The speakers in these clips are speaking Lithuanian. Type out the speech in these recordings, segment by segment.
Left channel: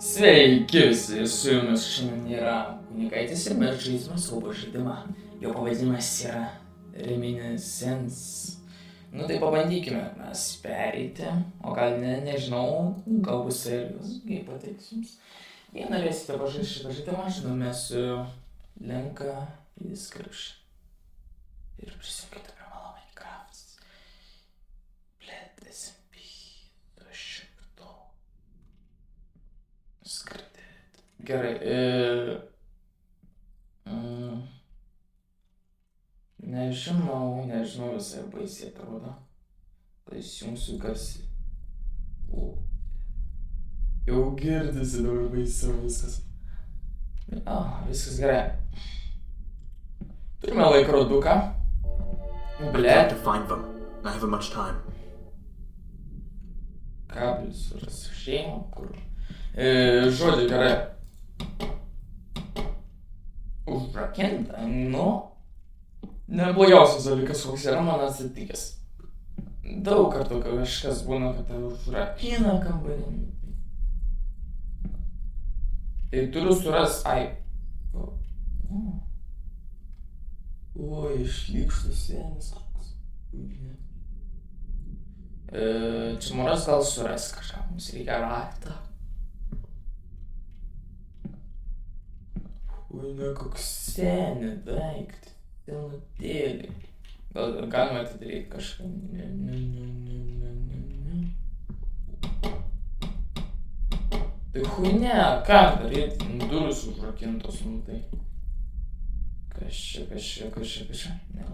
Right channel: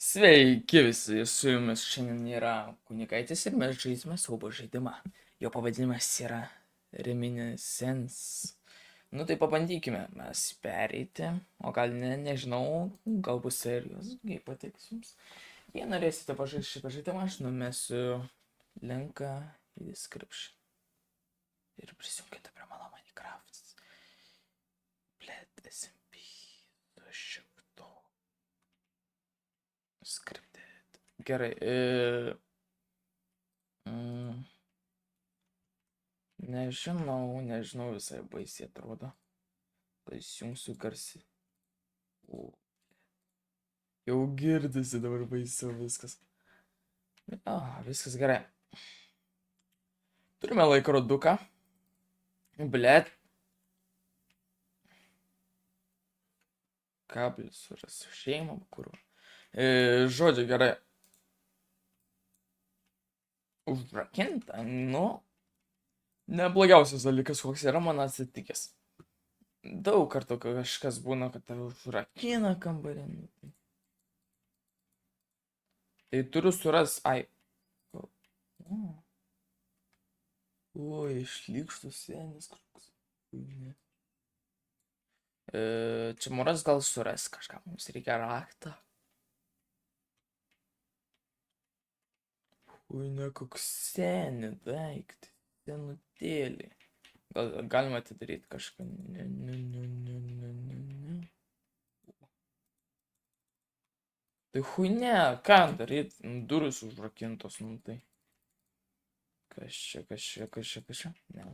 Sveiki visi, su jumis šiandien yra Kunikaitis ir mes žaisime siaubo žaidimą. Jo pavadinimas yra Reminiscence. Nu tai pabandykime mes pereiti, o gal nežinau, gal bus serijos, jei patiks jums. Jei norėsite pažaisti šitą žaidimą, aš numesiu linką į description. Ir prisijunkite prie mano Minecraft. Blet, SMP, šimto. Skridėt. Gerai, nežinau, visai baisiai atrodo. Tai įsijungsiu garsiai. Jau girdisi dabar baisiau viskas. Viskas gerai. Turime laikroduką. Blet. Kablis surasiu šeimą, kur. Žodžiu, gerai. Užrakinta, nu. Neblogiausias dalykas, koks yra man atsitikęs. Daug kartų kažkas būna, kad užrakina kambarį. Tai turiu suras, Oi, šlykštus sienis koks. Čia moras gal suras kažką, mums reikia raktą. Oi, ne, koks seni daiktai, senutėliai. Gal galima atidaryti kažką. Tai huine, ką daryti, durys užrakintos, nu tai. Kas čia, ne.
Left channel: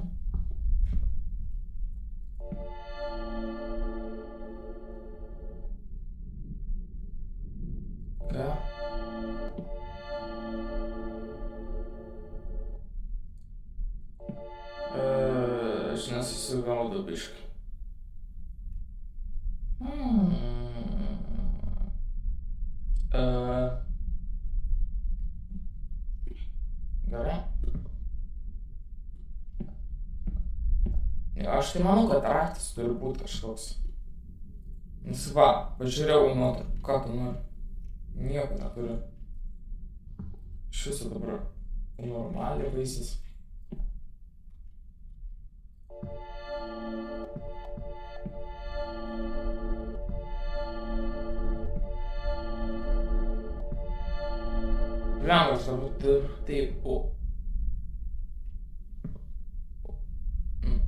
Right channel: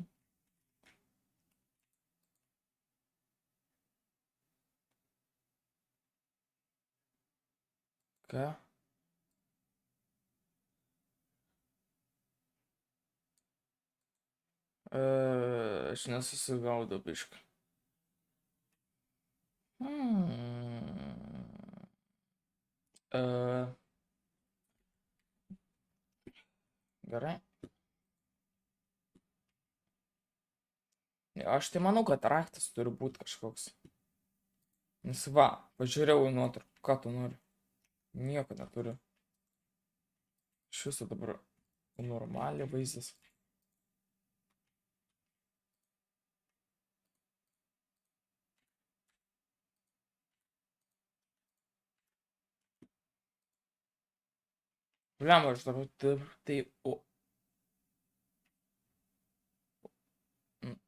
Ką? Aš nesusigaudau biškai. Gerai. Aš tai manau, kad raktas turi būti kažkoks. Nes va, pažiūrėjau į nuotrauką, ką tu nori. Nieko neturiu. Iš viso dabar normaliai vaizdas. Lengva, aš dabar taip,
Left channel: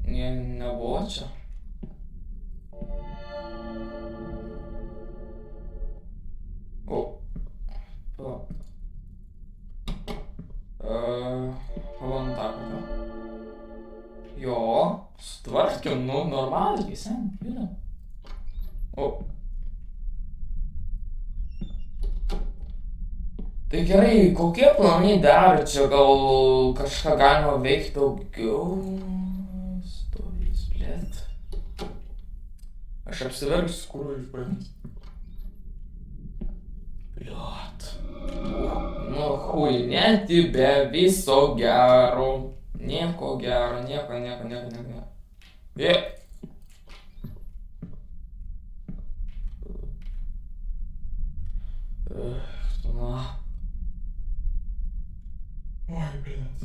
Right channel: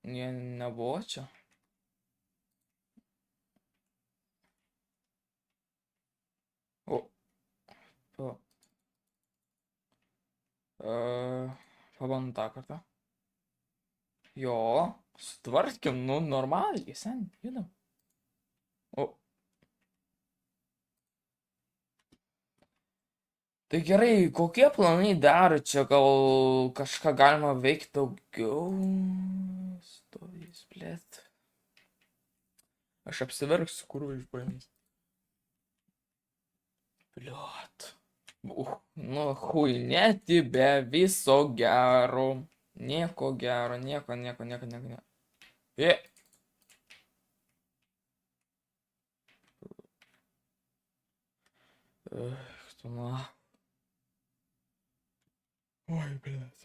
nebuvo čia. Pabandom tą kartą. Jo, sutvarkėm, nu, normaliai, sen, judam. Tai gerai, kokie planai dar čia, gal kažką galima veikti daugiau? Stovys, blėt. Aš apsiverksiu, kur išpaimys. Bliot. Nu, huinėti be viso gero. Nieko gero, nieko. Oi, blėt.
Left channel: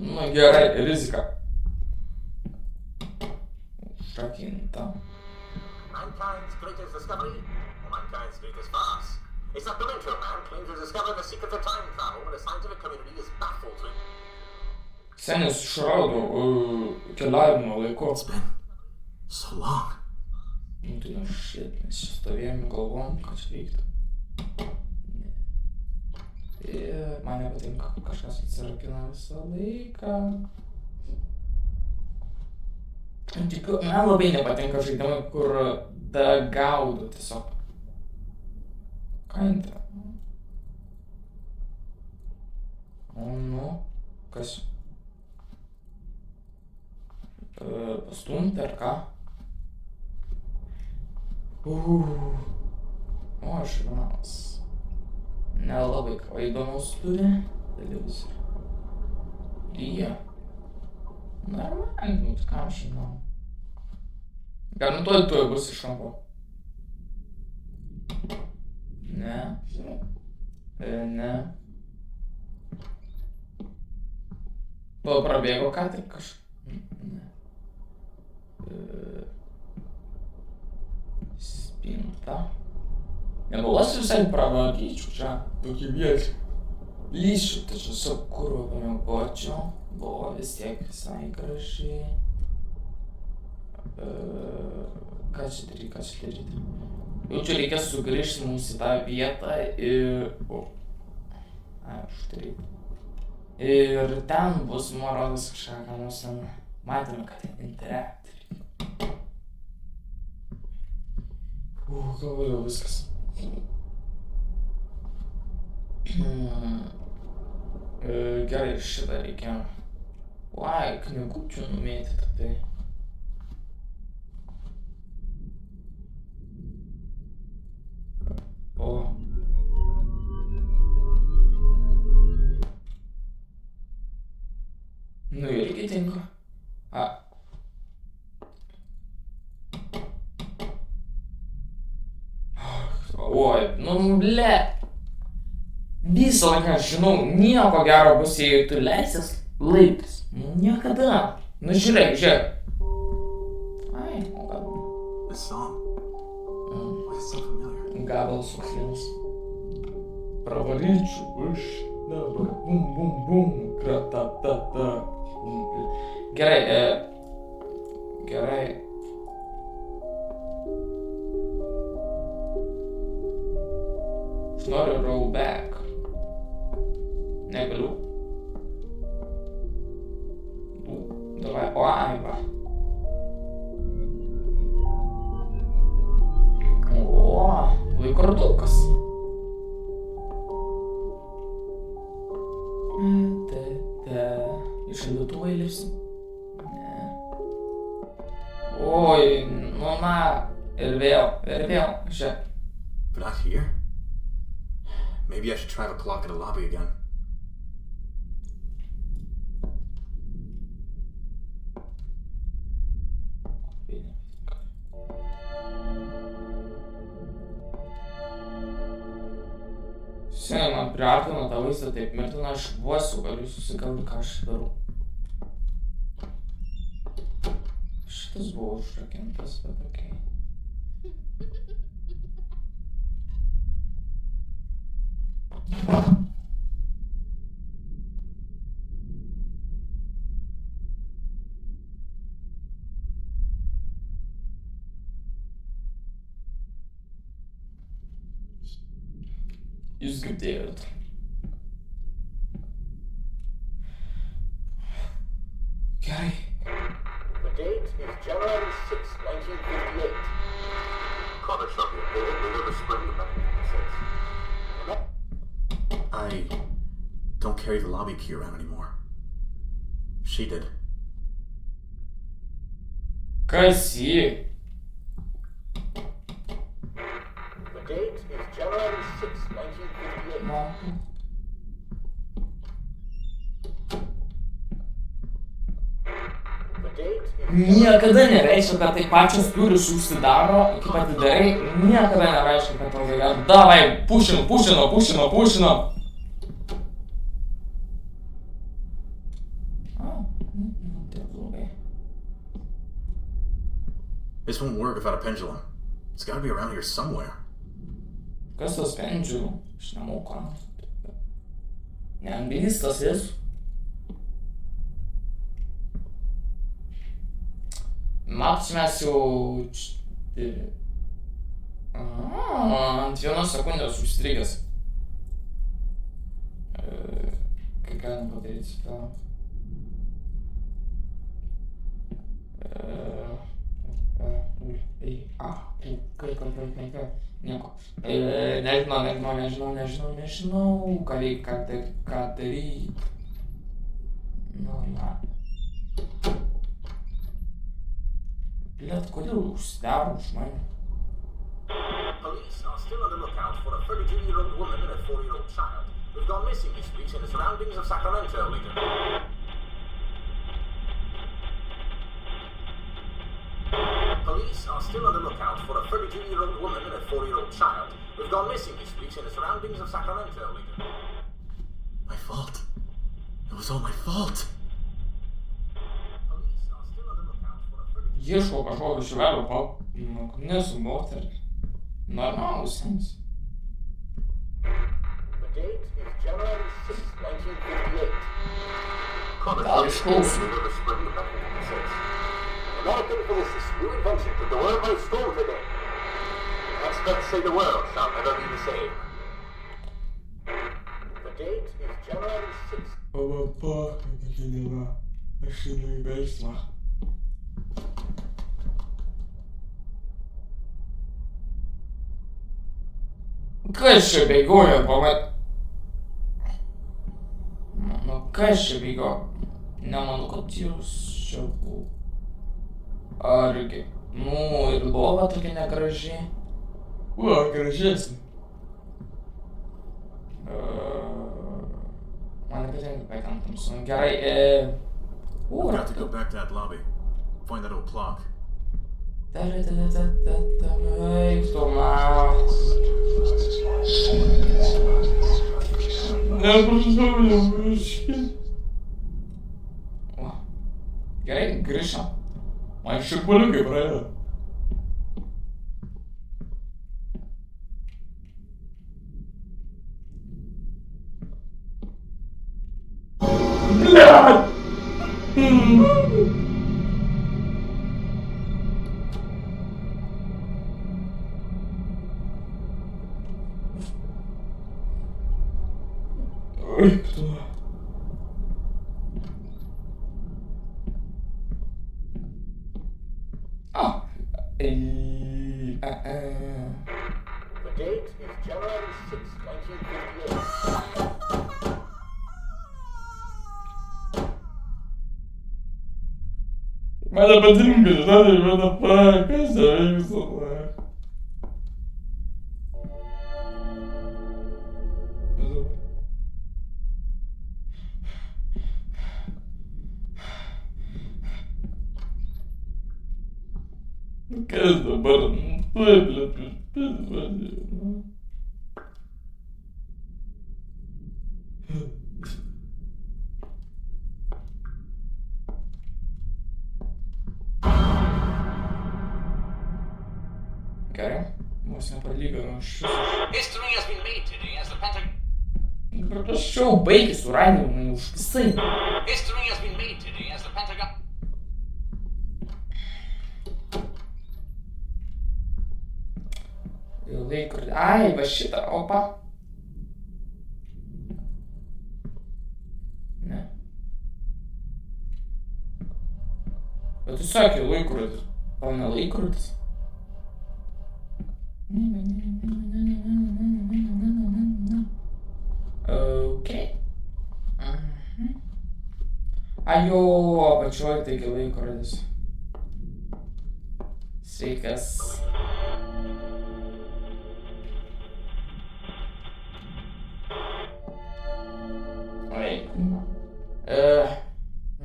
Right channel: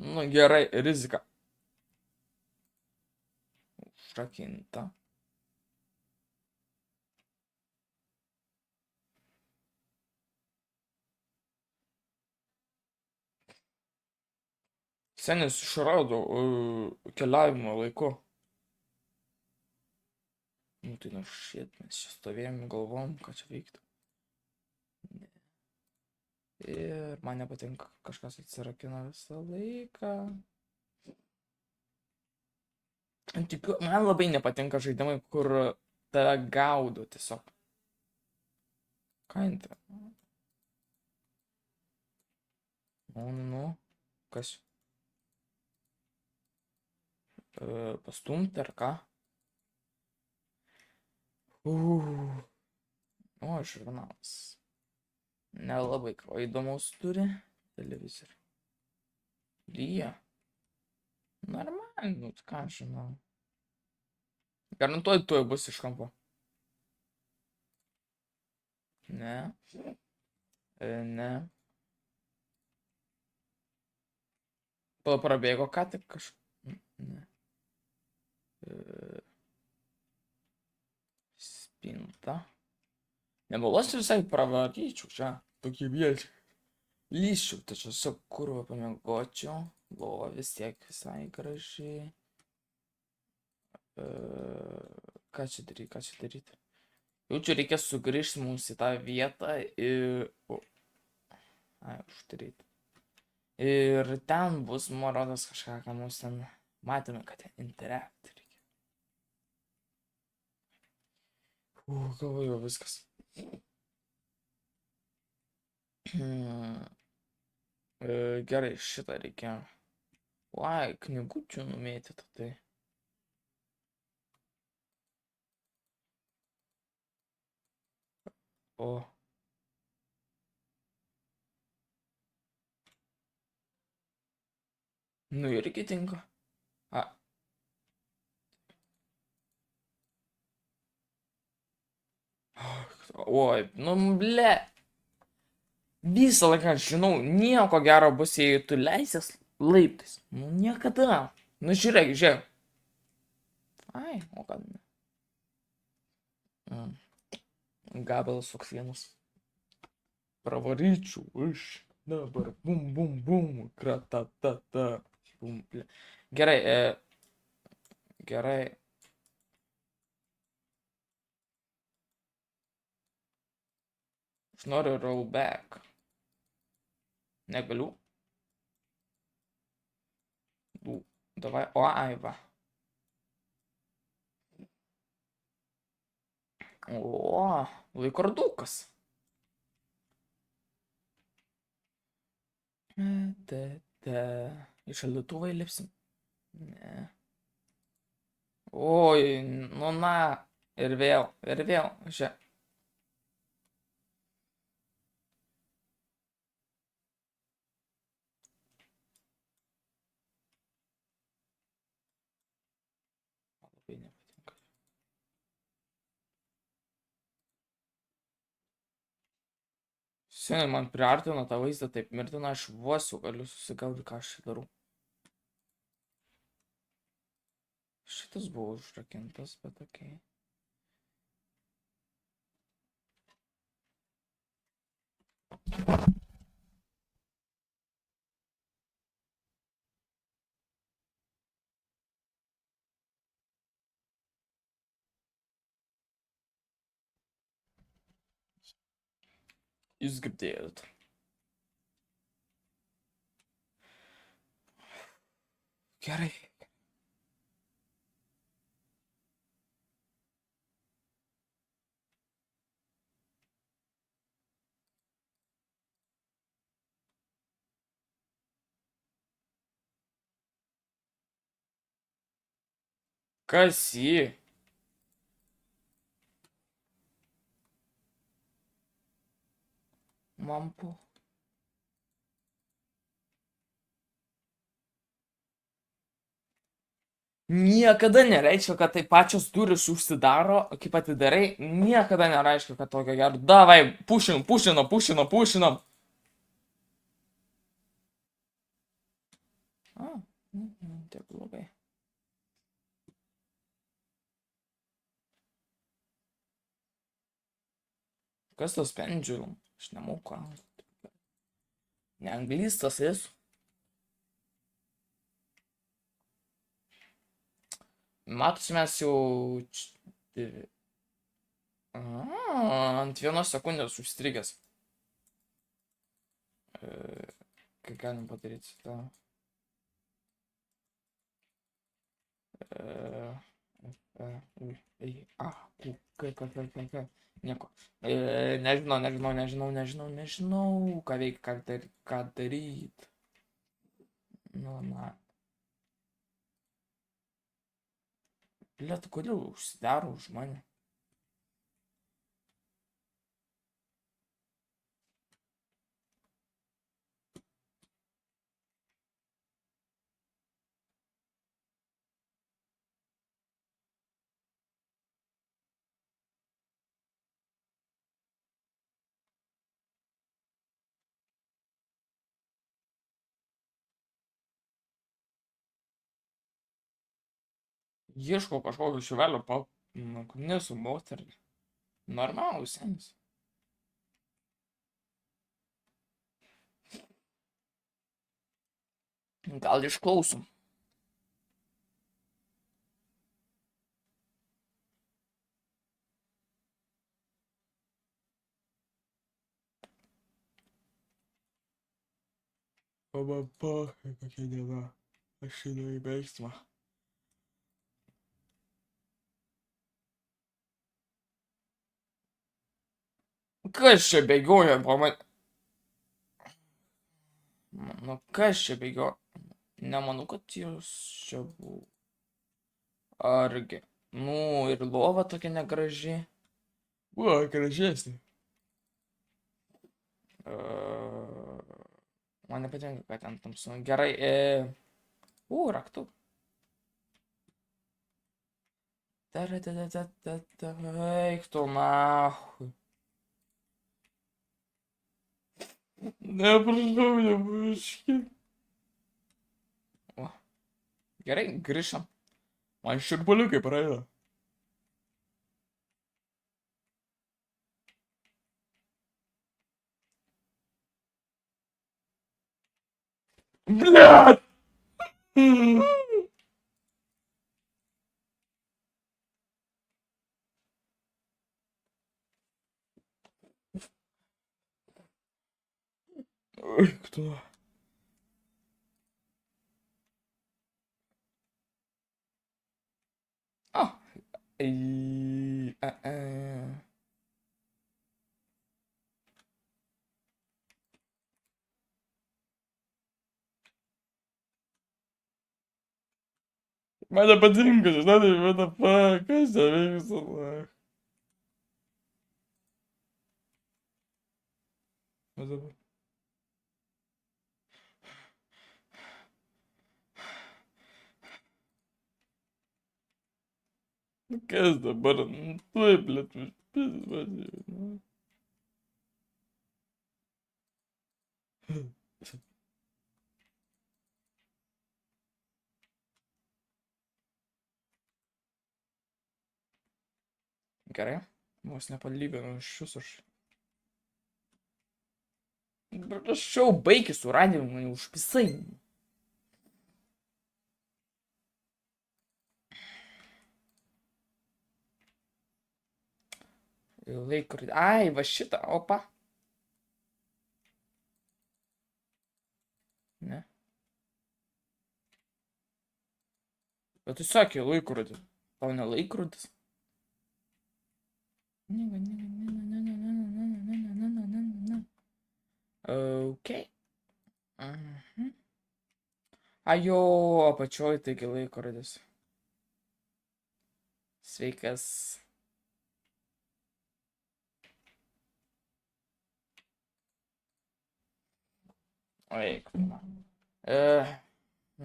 Nu, gerai, rizika. Užrakinta. Mankind's greatest discovery, or mankind's greatest farce, is that the Winter Man claims to discover the secret of time travel when the scientific community is baffled with. Senis išrado keliavimo laiku. It's been so long. Nu tai šit, mes čia stovėjom, galvom, ką čia veikti. Ir man nepatinka, kažkas atsirakina visą laiką. Tikiu, man labai nepatinka žaidimai, kur tave gaudo tiesiog. Ką intra? Nu, kas? Pastumti ar ką? Žurnalas. Nelabai ką įdomaus turi. Televizorių. Lyja. Normaliai, ką žinau. Garantuoju, tuoj bus iš kampo. Ne. Ne. Prabėgo ką tik Ne. Spinta. Nemeluosiu visai pravaryčiau čia. Tokį vietį. Lyšiu, tačiau su kurva pamiegočiau. Buvo vis tiek visai gražiai. Ką čia daryti? Jaučiu, reikia sugrįžti mums į tą vietą ir... uždaryti. Ir ten bus Morodas kažką, ką mums ten... Matėme, kad ten interaktai reikia. Galvoju, viskas. Gerai, šitą reikia. Knygučių numėtyti, tai. O. Nu irgi tinka. Oi, nu ble. Visą laiką žinau, nieko gero bus, jei tu leisies laiptais. Nu niekada. Nu žiūrėk. Ai, o gal. Gabalas sukslinas. Pravaryčiau iš dabar. Bum, bum, bum. Kratatata. Gerai, gerai. Aš noriu roll back. Negaliu. Давай, ой, va. O, laikrodukas. Į šaldytuvą įlipsim? Ne. Oi, nu na. Ir vėl. Čia. But not here? Maybe I should try the clock in the lobby again. Seniai man priartino tą vaizdą taip mirtina, aš vos jau galiu susigaudyti, ką aš darau. Šitas buvo užrakintas, bet okei. Jūs girdėjot. Gerai. The date is January 6, 1958. Connor shot me aboard over the spring of 1956. I don't carry the lobby key around anymore. She did. Kas jį? The date is January 6, 1958. Mampu. The date is Niekada nereiškia, kad tai pačios durys užsidaro, kaip atidarai, niekada nereiškia, kad tokia gera. Davai, pušino. Taip blogai. This won't work without a pendulum. It's gotta be around here somewhere. Kas tas pendžių? Aš nemoku. Neanglistas esu. Matos, mes jau... Ant vienos sekundės užstrigęs. Kai galim padaryti su tą... Nieko. Nežinau, ką reikia, ką daryti. Nu, na. Blet, kodėl užsidaro už mane? Police are still on the lookout for a 32-year-old woman and a 4-year-old child who've gone missing this week in the surroundings of Sacramento region. Police are still on the lookout for a 32-year-old woman and a 4-year-old child who've gone missing this week in the surroundings of Sacramento, Legion. My fault. It was all my fault. Police are still on the lookout for a pretty... Ieško kažkokio šivelio nesu moterį. Normalų senis. The date is January 6, 1958. Gal išklausom. American physicist, new invention took the world by storm today. Experts say the world shall never be the same. The date is January 6th. Kokia diena. Aš einu į veiksmą. Kas čia bėgioja, Nu, kas čia bėgioja? Nemanau, kad jūs čia buvo. Argi. Nu, ir lova tokia negraži. Gražesnė. Man nepatinka, kad ten tamsu. Gerai, raktu. Eik tu nahui. Neprašau. Gerai, grįžtam. Man šiurpuliukai praėjo. Блядь! Ой, кто? The date is January 6, 1958. Man nepatinka, žinai, what the fuck, kas čia vyksta? Kas dabar? Tuoj, blėt, Gerai, vos nepalyginau iš viso. History has been made today as the Pentagon... Prašau, baigi su radimu, už visai. History has been made today as the Pentagon... Laikrodį. Ai, va šitą, opa. Ne. Bet tu sakė laikrodis. O ne laikrodis. Okay. Ajo, apačioj taigi laikrodis. Sveikas.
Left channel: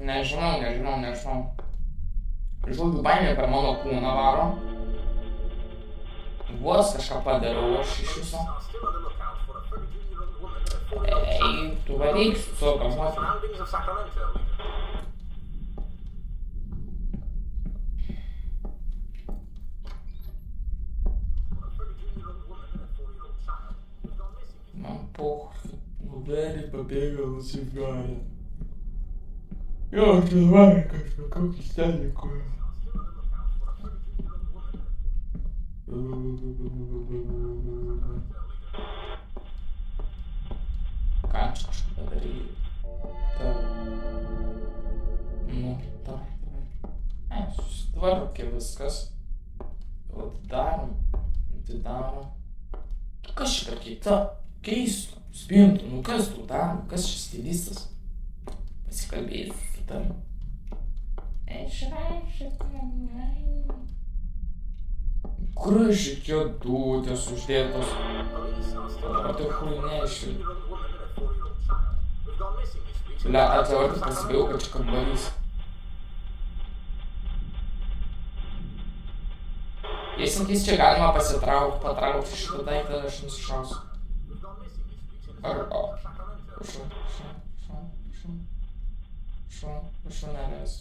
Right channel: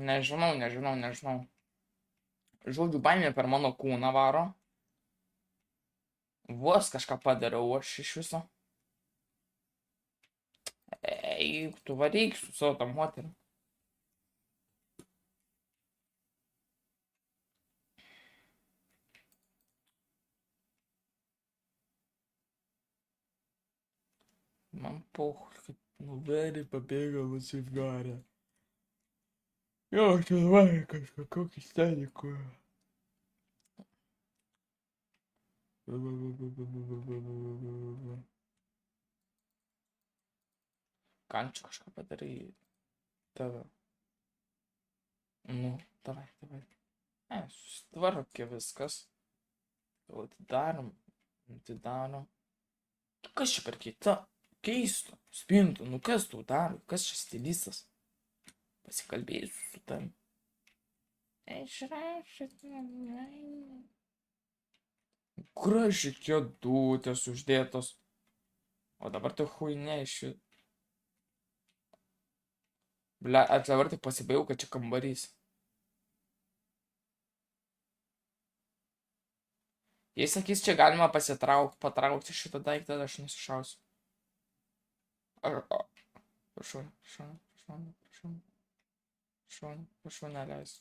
Nežinau. Žodžiu, baimė per mano kūną varo. Vos kažką padariau aš iš viso. Ei, tu varyk su savo tam moterį. Man pochui, nuverį pabėgo nusivarė. Jo, čia varė kažkokį steliką. Ką čia kažką padaryti? Nu, davai. Susitvarkė viskas. Atidarom. Kas čia per keita? Keista. Spintų. Nu kas tu daro? Kas čia stilistas? Pasikalbėsiu su tavim. Gražiai kėdutės uždėtos. O dabar tai chuinė išvėl. Bля, dabar tik pasibėjau, kad čia kambarys. Jei sakys, čia galima patraukti šitą daiktą, aš nusišausiu. Arba. Prašau, neleis.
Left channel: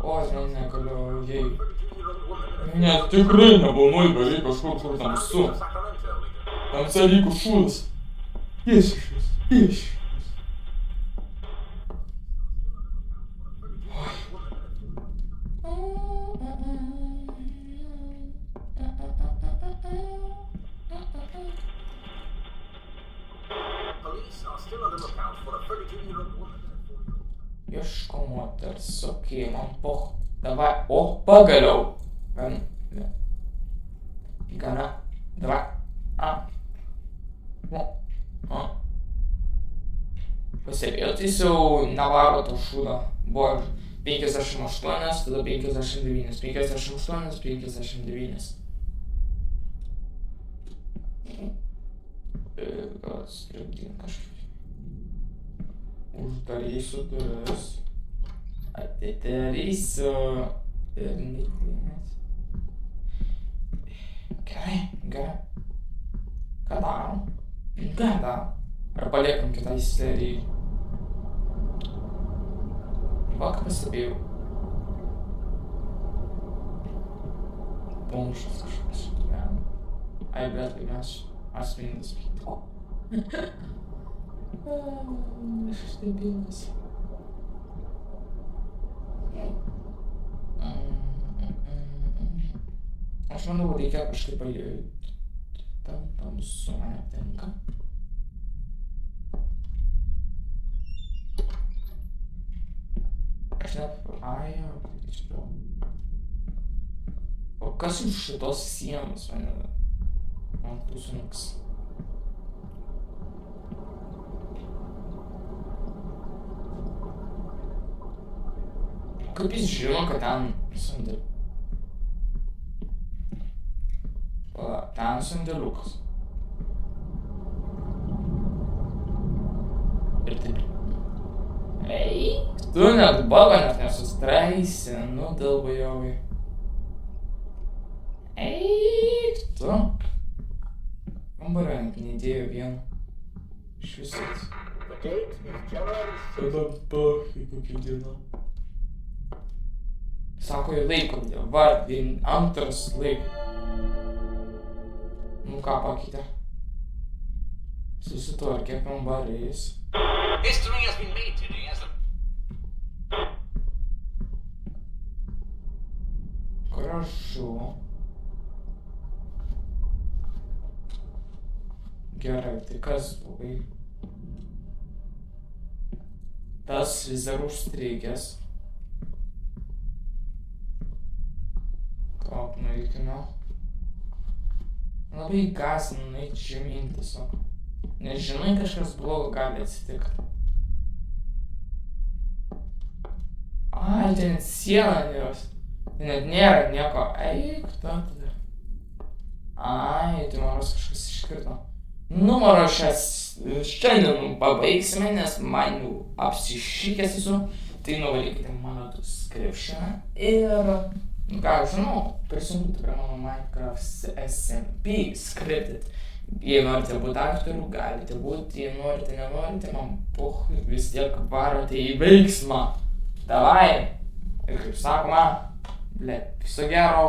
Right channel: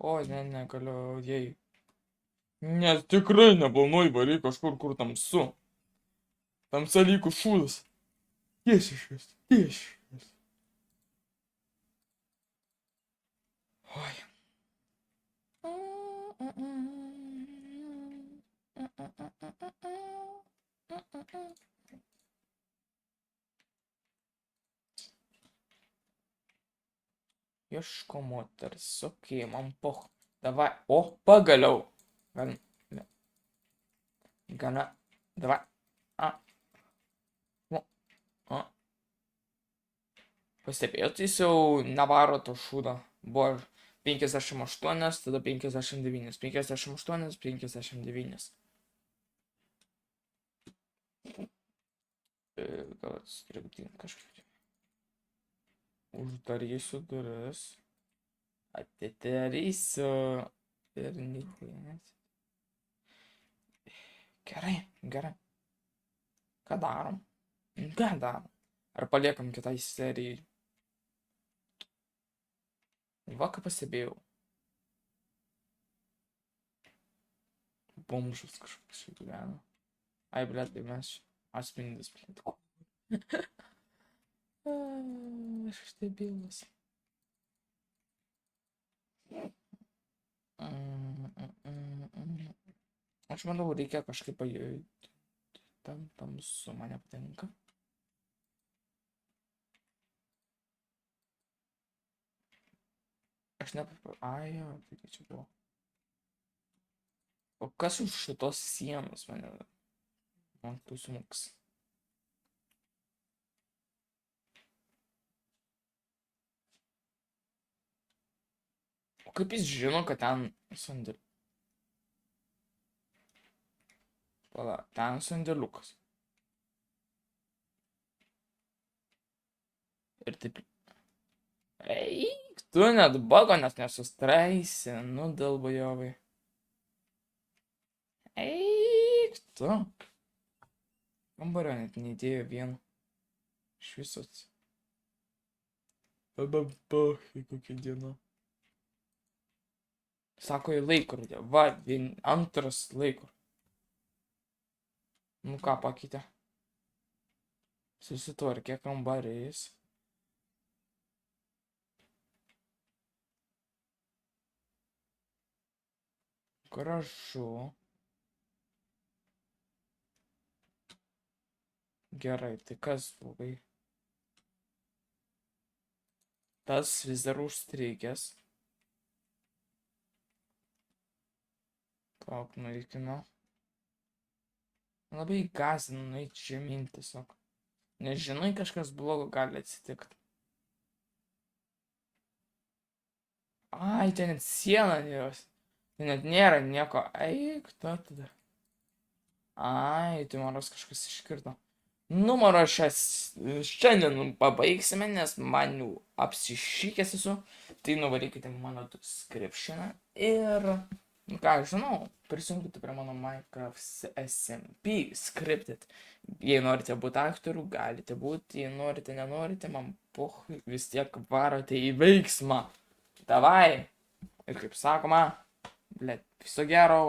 O, negaliu, jei. Ne, tikrai neplanuoju varai kažkur, kur tamsu. Tamsa lygu šūdas. Priešiškas. Ieško moters, okei, man poch. Davai, o, pagaliau. Gana, davai. Pastebėjot, jis jau nevaro to šūdo. Buvo 58, tada 59. 58, 59. Gal stribdyn kažkaip. Uždarysiu duris. Atidarysiu. Ir neįklinės. Gerai. Ką darom? Ar paliekam kitai serijai? Va, ką pastebėjau. Bumšas kažkoks gyvena. Ai, blet, tai mes asmeninis plytiko. Aš stebėjimas. Aš manau, reikia kažkaip tamsu mane aptinka. Aš ai, tai čia buvo. O kas už šitos sienos mane? Man pusinuks. Kaip jis žino, kad ten sandėliukas? Pala, ten sandėliukas. Ir taip. Eik, tu net bago net nesustraisi, nu dalbajovai. Eik, tu. Kambario net neįdėjo vieno. Iš visos. Tada pachai kokia diena. Sako į laikrodį, va, antras laiko. Nu ką pakeitė? Susitvarkė kambarys. Gražu. Gerai, tai kas blogai? Tas vis dar užstrigęs. Kop, nueikime. Labai gąsdina nueiti žemyn tiesiog. Nežinai, kažkas blogo gali atsitikti. Ai, ten net siena jos. Ten net nėra nieko. Eik, tada. Ai, tai maros kažkas iškirto. Nu, maro šiandien pabaigsime, nes man jau apsišykęs esu. Tai nuvarykite mano subscriptioną ir... Ką aš žinau, prisijunkite prie mano Minecraft SMP scripted. Jei norite būti aktorių, galite būti, jei norite, nenorite, man pohui, vis tiek varote į veiksmą. Davai! Ir kaip sakoma, viso gero.